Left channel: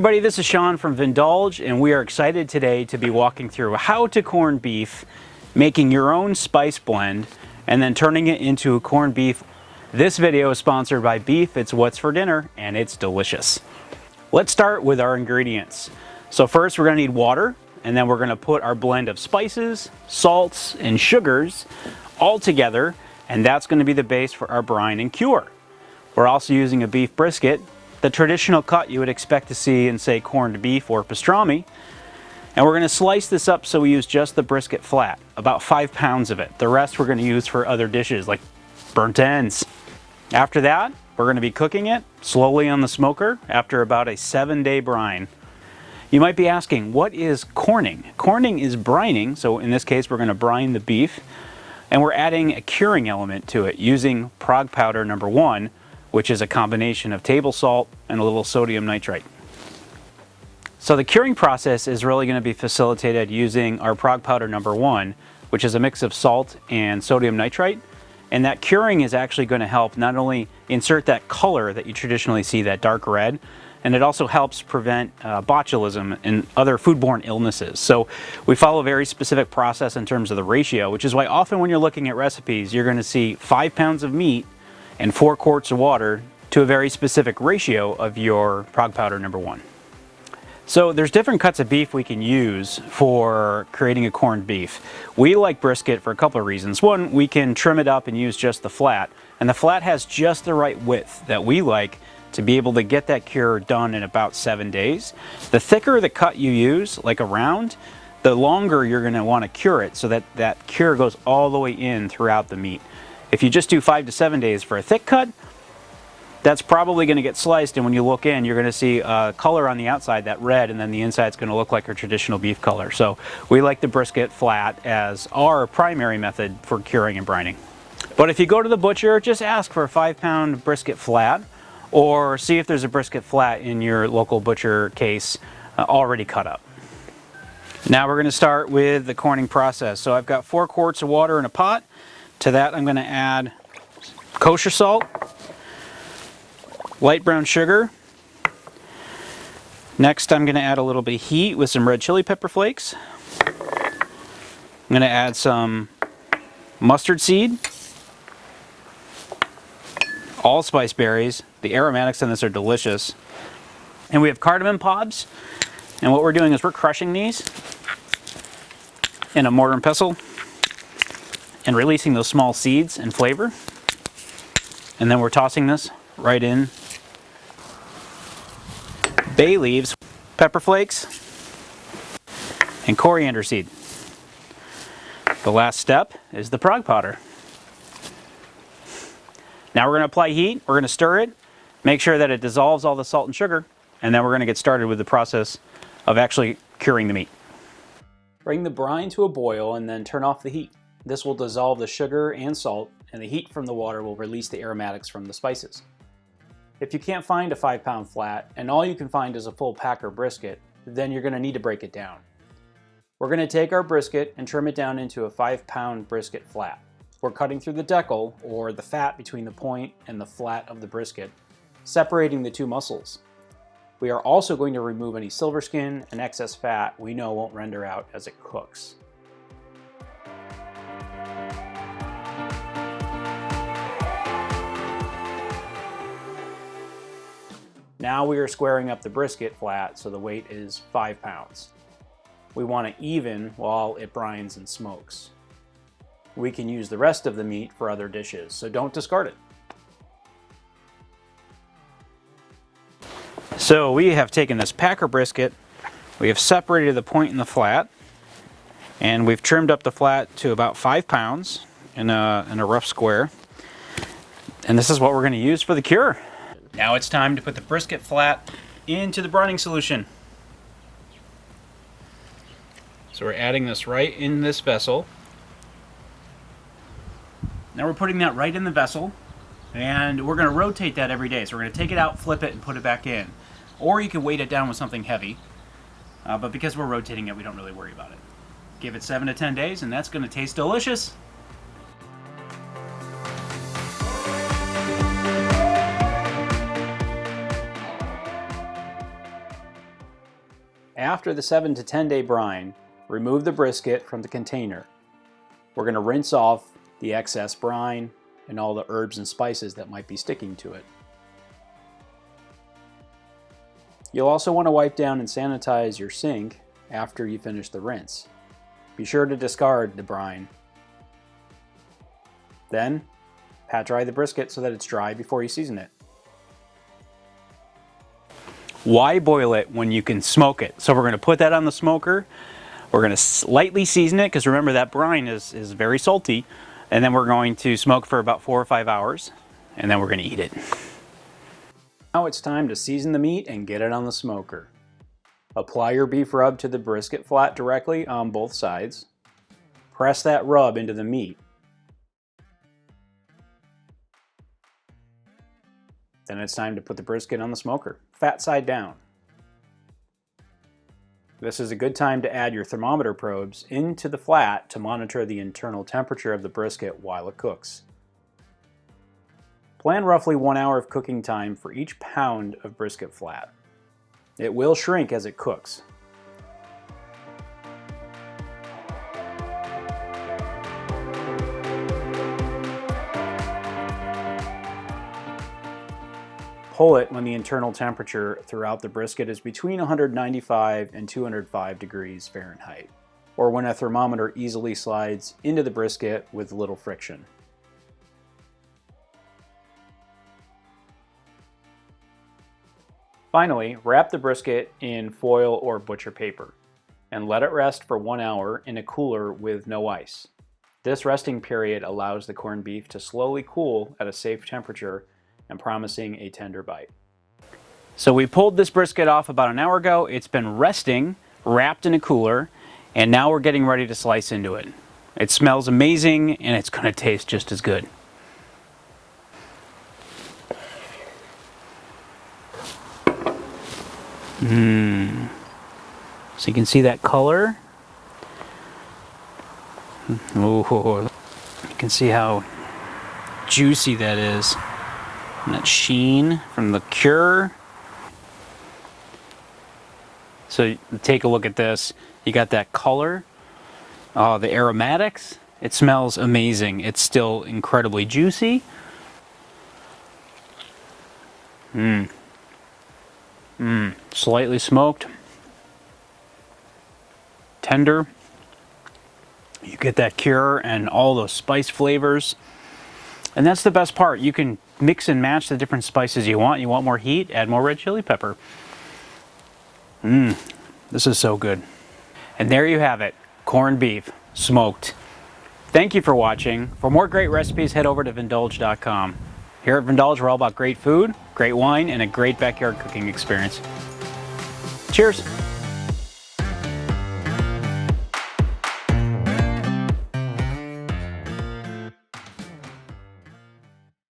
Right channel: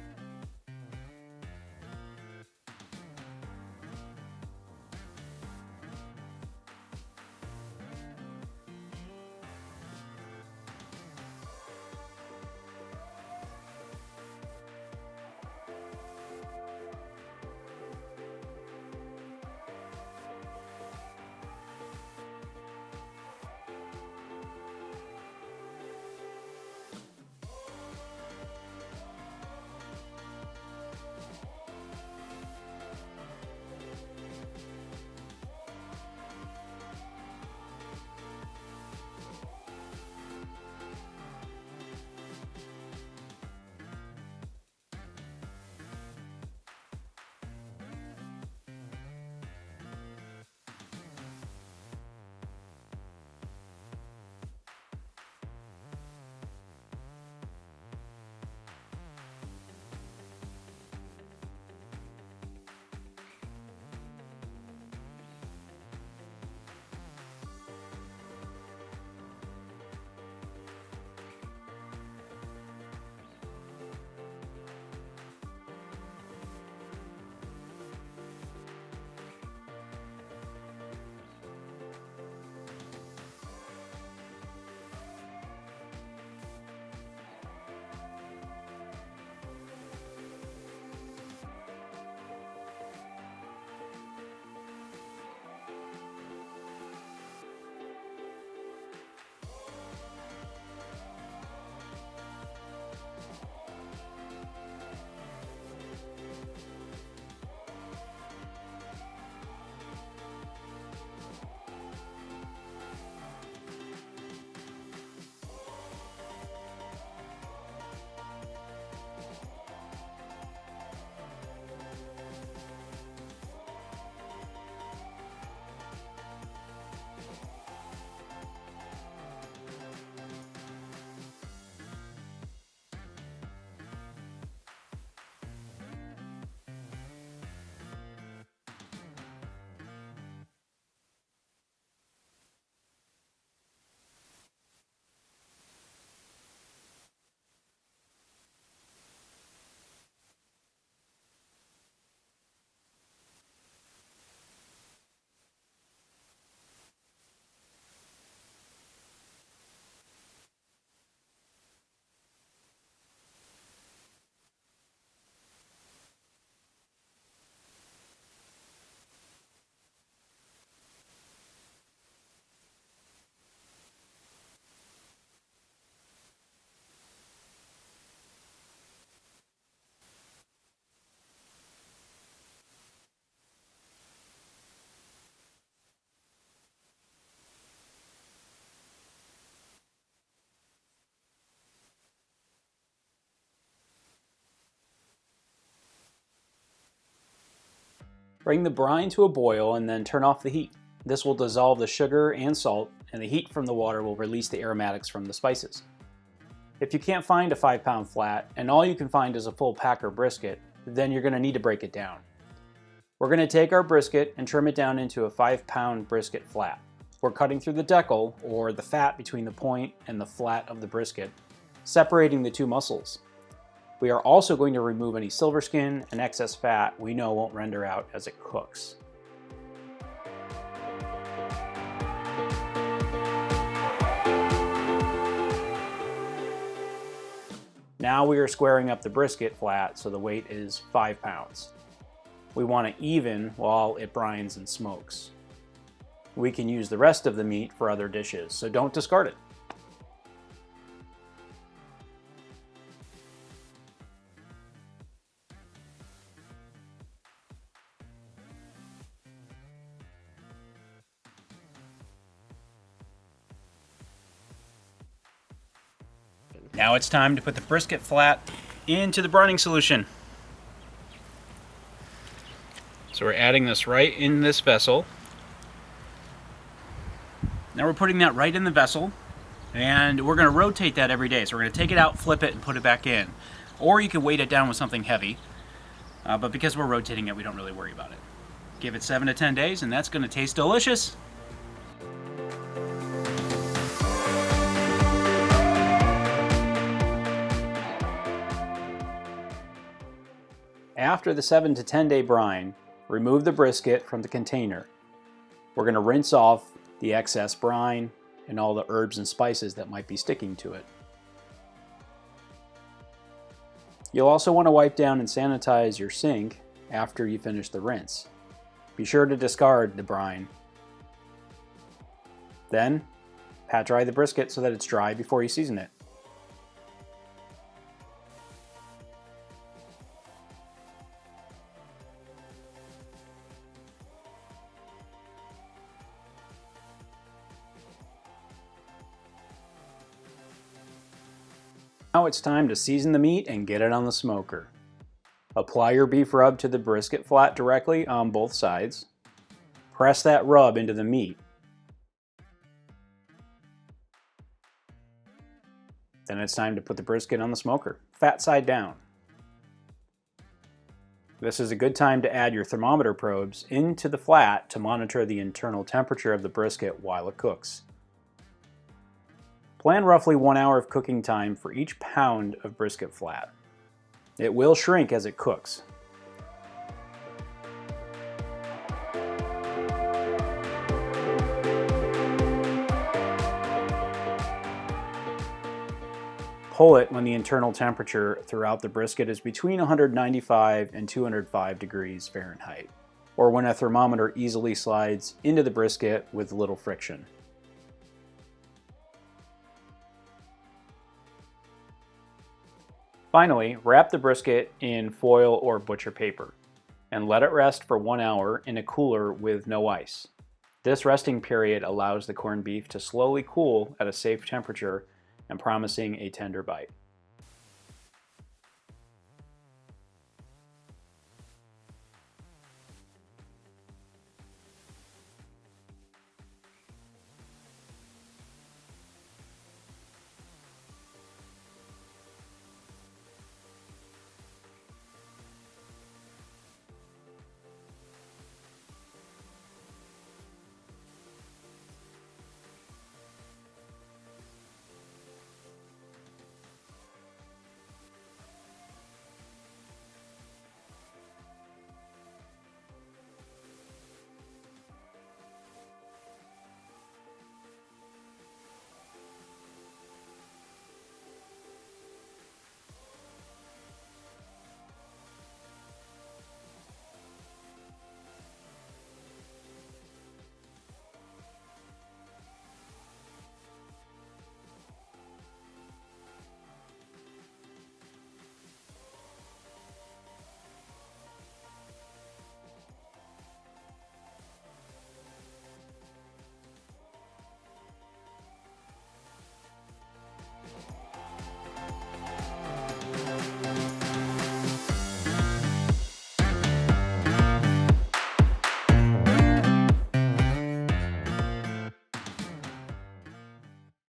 everybody, this is Sean from Vindulge, and we are excited today to be walking through how to corn beef, making your own spice blend, and then turning it into a corned beef. This video is sponsored by Beef. It's what's for dinner, and it's delicious. Let's start with our ingredients. So first we're gonna need water, and then we're gonna put our blend of spices, salts, and sugars all together, and that's gonna be the base for our brine and cure. We're also using a beef brisket, the traditional cut you would expect to see in, say, corned beef or pastrami. And we're gonna slice this up so we use just the brisket flat, about 5 pounds of it. The rest we're gonna use for other dishes like burnt ends. After that, we're gonna be cooking it slowly on the smoker after about a 7-day brine. You might be asking, what is corning? Corning is brining, so in this case we're gonna brine the beef, and we're adding a curing element to it using Prague Powder #1, which is a combination of table salt and a little sodium nitrite. So the curing process is really going to be facilitated using our Prague Powder #1, which is a mix of salt and sodium nitrite. And that curing is actually going to help not only insert that color that you traditionally see, that dark red, and it also helps prevent botulism and other foodborne illnesses. So we follow a very specific process in terms of the ratio, which is why often when you're looking at recipes, you're going to see 5 pounds of meat and 4 quarts of water to a very specific ratio of your Prague Powder #1. So there's different cuts of beef we can use for creating a corned beef. We like brisket for a couple of reasons. One, we can trim it up and use just the flat, and the flat has just the right width that we like to be able to get that cure done in about 7 days. The thicker the cut you use, like a round, the longer you're gonna wanna cure it so that that cure goes all the way in throughout the meat. If you just do 5 to 7 days for a thick cut, that's probably going to get sliced, and when you look in, you're going to see color on the outside, that red, and then the inside's going to look like our traditional beef color. So we like the brisket flat as our primary method for curing and brining. But if you go to the butcher, just ask for a 5-pound brisket flat, or see if there's a brisket flat in your local butcher case already cut up. Now we're going to start with the corning process. So I've got 4 quarts of water in a pot. To that, I'm going to add kosher salt, light brown sugar. Next, I'm going to add a little bit of heat with some red chili pepper flakes. I'm going to add some mustard seed, allspice berries. The aromatics in this are delicious. And we have cardamom pods. And what we're doing is we're crushing these in a mortar and pestle and releasing those small seeds and flavor. And then we're tossing this right in. Bay leaves, pepper flakes, and coriander seed. The last step is the Prague powder. Now we're going to apply heat, we're going to stir it, make sure that it dissolves all the salt and sugar, and then we're going to get started with the process of actually curing the meat. Bring the brine to a boil and then turn off the heat. This will dissolve the sugar and salt, and the heat from the water will release the aromatics from the spices. If you can't find a 5-pound flat, and all you can find is a full packer brisket, then you're going to need to break it down. We're going to take our brisket and trim it down into a 5-pound brisket flat. We're cutting through the decal, or the fat between the point and the flat of the brisket, separating the two muscles. We are also going to remove any silver skin and excess fat we know won't render out as it cooks. Now we are squaring up the brisket flat so the weight is 5 pounds. We want it even while it brines and smokes. We can use the rest of the meat for other dishes, so don't discard it. So we have taken this packer brisket, we have separated the point and the flat, and we've trimmed up the flat to about 5 pounds in a rough square. And this is what we're going to use for the cure. Now it's time to put the brisket flat into the brining solution. So we're adding this right in this vessel. Now we're putting that right in the vessel, and we're going to rotate that every day. So we're going to take it out, flip it, and put it back in. Or you can weight it down with something heavy, but because we're rotating it, we don't really worry about it. Give it 7 to 10 days, and that's going to taste delicious. after the 7 to 10 day brine, remove the brisket from the container. We're going to rinse off the excess brine and all the herbs and spices that might be sticking to it. You'll also want to wipe down and sanitize your sink after you finish the rinse. Be sure to discard the brine. Then, pat dry the brisket so that it's dry before you season it. Why boil it when you can smoke it? So we're going to put that on the smoker. We're going to lightly season it because remember that brine is very salty. And then we're going to smoke for about 4 or 5 hours. And then we're going to eat it. Now it's time to season the meat and get it on the smoker. Apply your beef rub to the brisket flat directly on both sides. Press that rub into the meat. Then it's time to put the brisket on the smoker, fat side down. This is a good time to add your thermometer probes into the flat to monitor the internal temperature of the brisket while it cooks. Plan roughly 1 hour of cooking time for each pound of brisket flat. It will shrink as it cooks. Pull it when the internal temperature throughout the brisket is between 195 and 205 degrees Fahrenheit, or when a thermometer easily slides into the brisket with little friction. Finally, wrap the brisket in foil or butcher paper and let it rest for 1 hour in a cooler with no ice. This resting period allows the corned beef to slowly cool at a safe temperature and promising a tender bite. So we pulled this brisket off about an hour ago. It's been resting, wrapped in a cooler, and now we're getting ready to slice into it. It smells amazing and it's going to taste just as good. So you can see that color. Ooh, you can see how juicy that is. And that sheen from the cure. So take a look at this. You got that color. The aromatics. It smells amazing. It's still incredibly juicy. Slightly smoked. Tender. You get that cure and all those spice flavors. And that's the best part. You can mix and match the different spices you want. You want more heat? Add more red chili pepper. This is so good. And there you have it. Corned beef, smoked. Thank you for watching. For more great recipes, head over to Vindulge.com. Here at Vindulge, we're all about great food, great wine, and a great backyard cooking experience. Cheers.